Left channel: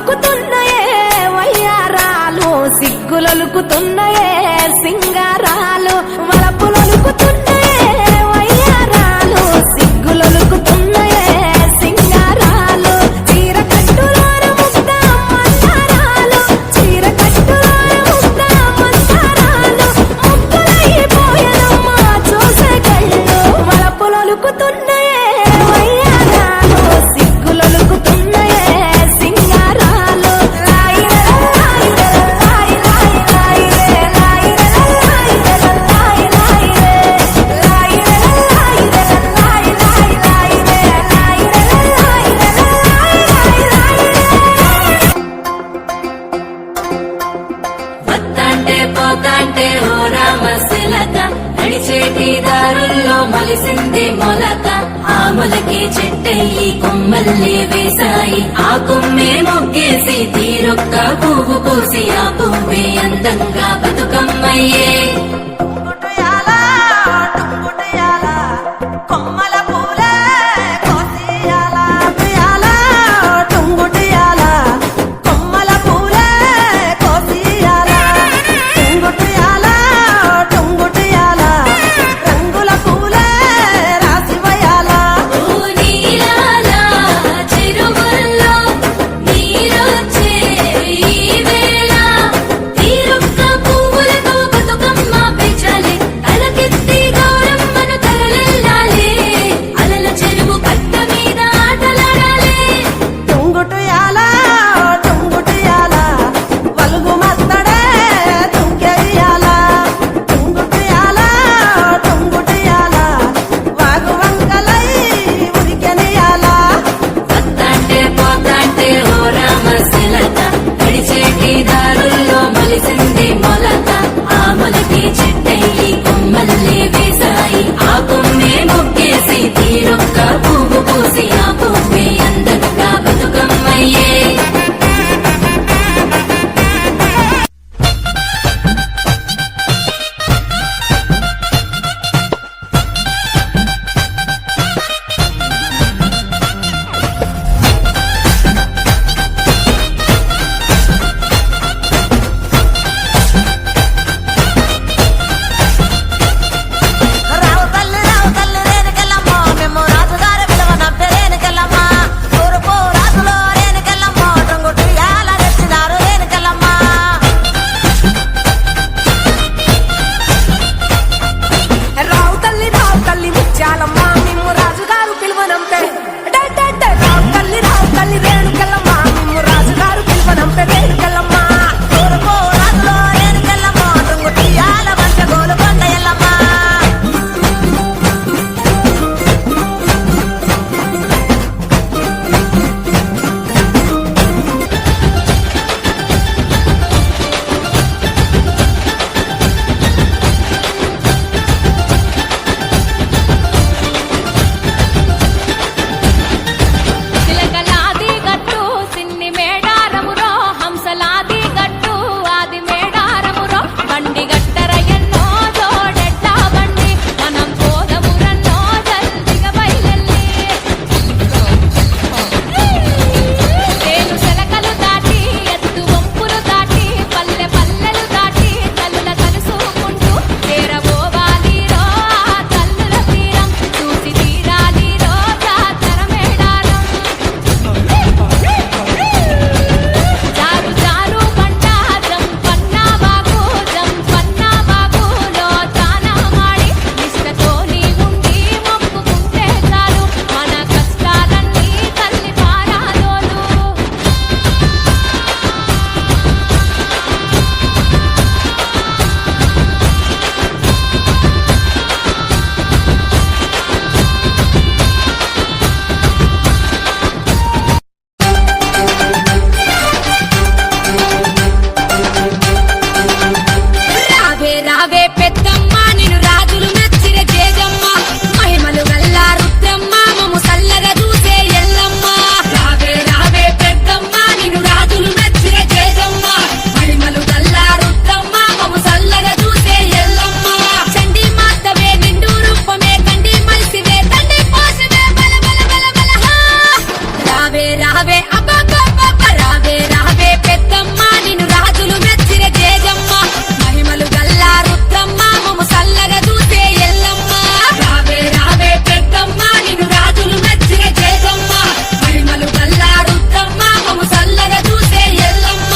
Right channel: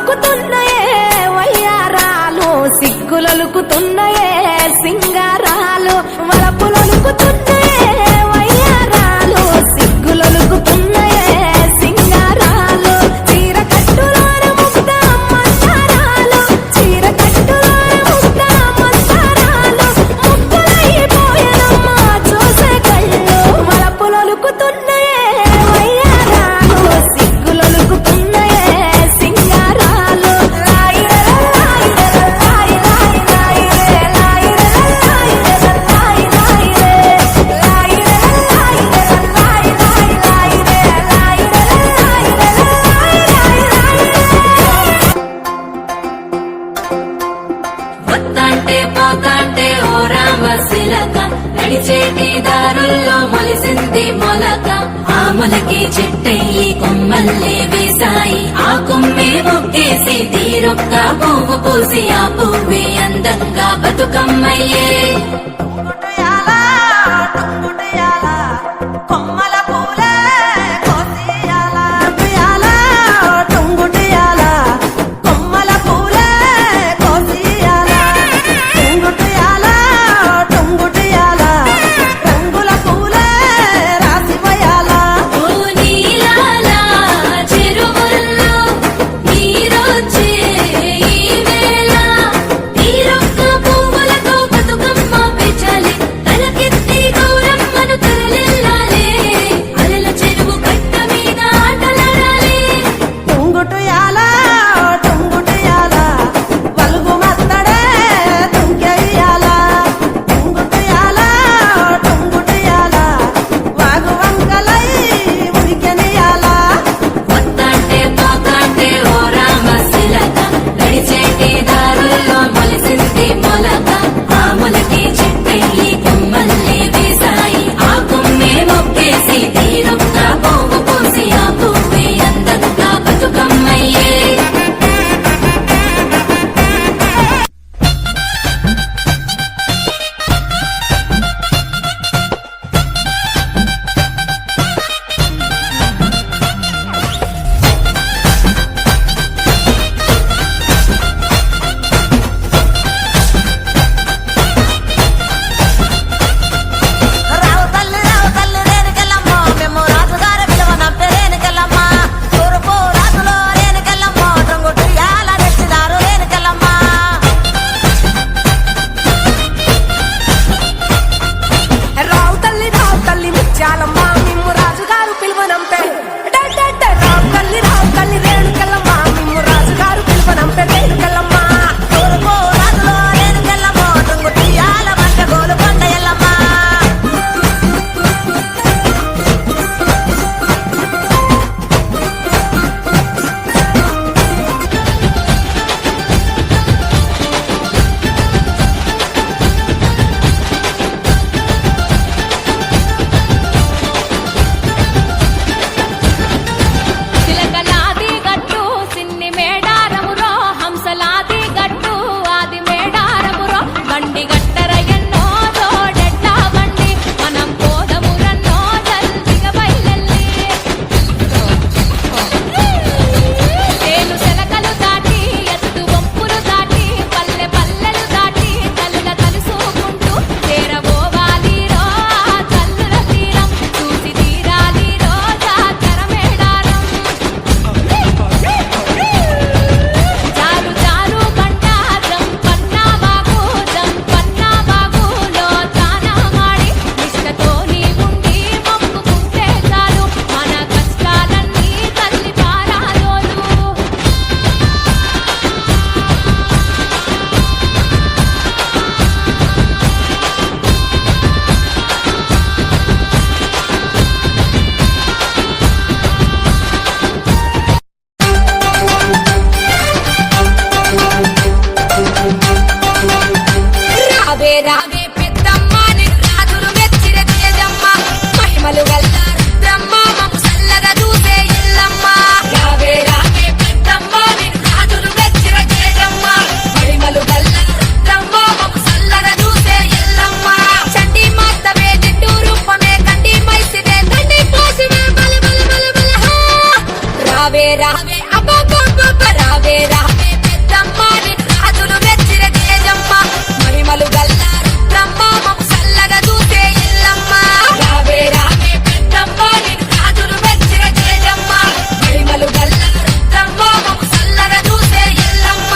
వలుకులుకుతున్నాయే వయ్యారాలు, సిగ్గులొలుకుతున్నాయే సింగారాలు. వలపులొలుకుతున్నాయే వయ్యారాలు, సిగ్గులొలుకుతున్నాయే సింగారాలు. చీర కట్టులోన ముద్ద మందారాలు, చీర కట్టులోన ముద్ద మందారాలు. ముద్దులైపోయనమ్మా చూసే కళ్ళు. వలపులొలుకుతున్నాయే వయ్యారాలు, సిగ్గులొలుకుతున్నాయే సింగారాలు. నడిచేటి దారుల్లో మొలిసింది మొలక, ఆమలకి చెట్టెళ్ళి కొమ్మల్ని వేసాయి. ఆ కొమ్మే మొగ్గేసి తీరొక్క పువ్వు పూసి ఆ పువ్వే అందంగా బతుకమ్మయ్యే. కొమ్మల పూలే కోసియాల, టుంగుటియాల కొమ్మల పూలే కోసియాల. టుంగుటియాల టుంగుటియాల రంగుల పూలే రాసివయాల. చెరువుల్లో నీరొచ్చే ఈ వేళ తీరొక్క పువ్వులతో బతుకమ్మ పెంచాలి. తలకెత్తి గౌరమ్మను తరలిల్లాలి. అదల చెరువు కట్ట మీద ఆటలాడాలి. టుంగుటియాల టుంగుటియాల వలుగు మత్తడే తుంకెయ్యాల. టుంగుటియాల టుంగుటియాల వాగు వంకలై ఉరికెనియాల. వత్తాంటే పోతాంటే ఓ రామశిలక, నడిచేటి దారుల్లో మొలిసింది మొలక, ఆమలకి చెట్టెళ్ళి కొమ్మల్ని వేసాయి. ఆ కొమ్మే మొగ్గేసి తీరొక్క పువ్వు పూసి ఆ పువ్వే అందంగా బతుకమ్మయ్యే. రావు తల్లి రేణుకెళ్ళమ్మ, మేము రాజుగారి విలువనంపే రేణుకెళ్ళమ్మ. తూర్పు రాజులో రేణుకెళ్ళమ్మ, టుంగుటియాల తెచ్చినారు రేణుకెళ్ళమ్మ. రావు తల్లి ముత్యాలమ్మ, మేము రాజుగారు పిలువనంపే. రావు తల్లి రేణుకెళ్ళమ్మ, మేము రాజుగారు పిలువనంపే రేణుకెళ్ళమ్మ. తూర్పు రాజులో రేణుకెళ్ళమ్మ, టుంగుటియాల వంట గోలుకొండ ఎల్లమ్మ. చిలకలాది గట్టు సిన్ని మేడారమురో, హంసలాది గట్టు ఆది మేడారమురో. బండి గట్టర ఎన్నో జోడెడ్ల బండి, మనం పోదమురన్నో జల్దిగా బయలెల్లి. తేను సెలకలు దాటి ఎత్తు వంపులు దాటి పల్లె పల్లెలు దాటి తల్లుల కలుసుకుంటూ చేరబోవాలి రో ఆ తల్లుల తీరం. చూసి తీరాలి రో జాతర మేడారం. జారు జారు బండ జంపన్న బాగులో తానా మాడి నిష్టతో నీ ఉండి మొక్కుకుంటే చాలు, మన కష్టాలన్నీ తల్లి పారాదోలు. రావే రావే పెద్దమ్మ, నిన్ను రాజులు మెచ్చిన తేజమ్మ. మహిమలు గల్లా రుద్రమ్మ, మము సల్లగా చూసే ఎల్లమ్మ. రావే రావే పెద్దమ్మ, నిన్ను రాజులు మెచ్చిన తేజమ్మ. మహిమలు గల్లా రుద్రమ్మ, మము సల్లగా చూసే ఎల్లమ్మ. చండి మాతవే నిండు రూపమే, కండి మైసివే తండి పోసివే బల బల బల బల హా. రావే రావే అబ్బబ్బబ్బ రావే రావే రావే పెద్దమ్మ నిన్ను రాజులు మెచ్చిర తేజమ్మ మహిమలు గల్లా రుద్రమ్మ మము సల్లగా చూసే ఎల్లమ్మ రావే రావే పెద్దమ్మ నిన్ను రాజులు మెచ్చిర తేజమ్మ మహిమలు గల్లా రుద్రమ్మ మము సల్లగా చూసే ఎల్లమ్మ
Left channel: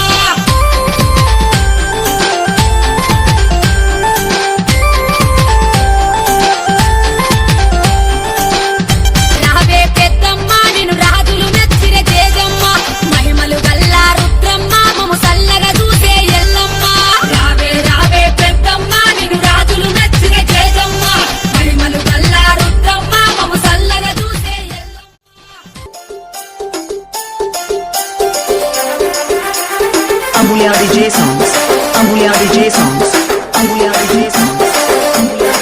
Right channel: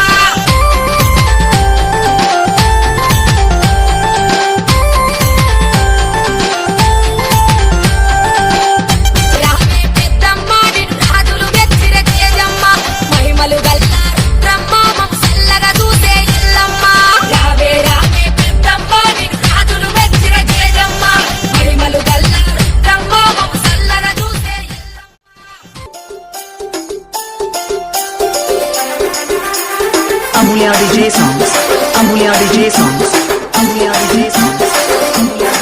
రావే పెద్దమ్మ నిన్ను రాజులు మెచ్చిర తేజమ్మ మహిమలు గల్లా రుద్రమ్మ మము సల్లగా చూసే ఎల్లమ్మ రావే రావే పెద్దమ్మ నిన్ను రాజులు మెచ్చిర తేజమ్మ మహిమలు గల్లా రుద్రమ్మ మము సల్లగా చూసే Amulya DJ songs. Amulya DJ songs. Amulya DJ songs. Amulya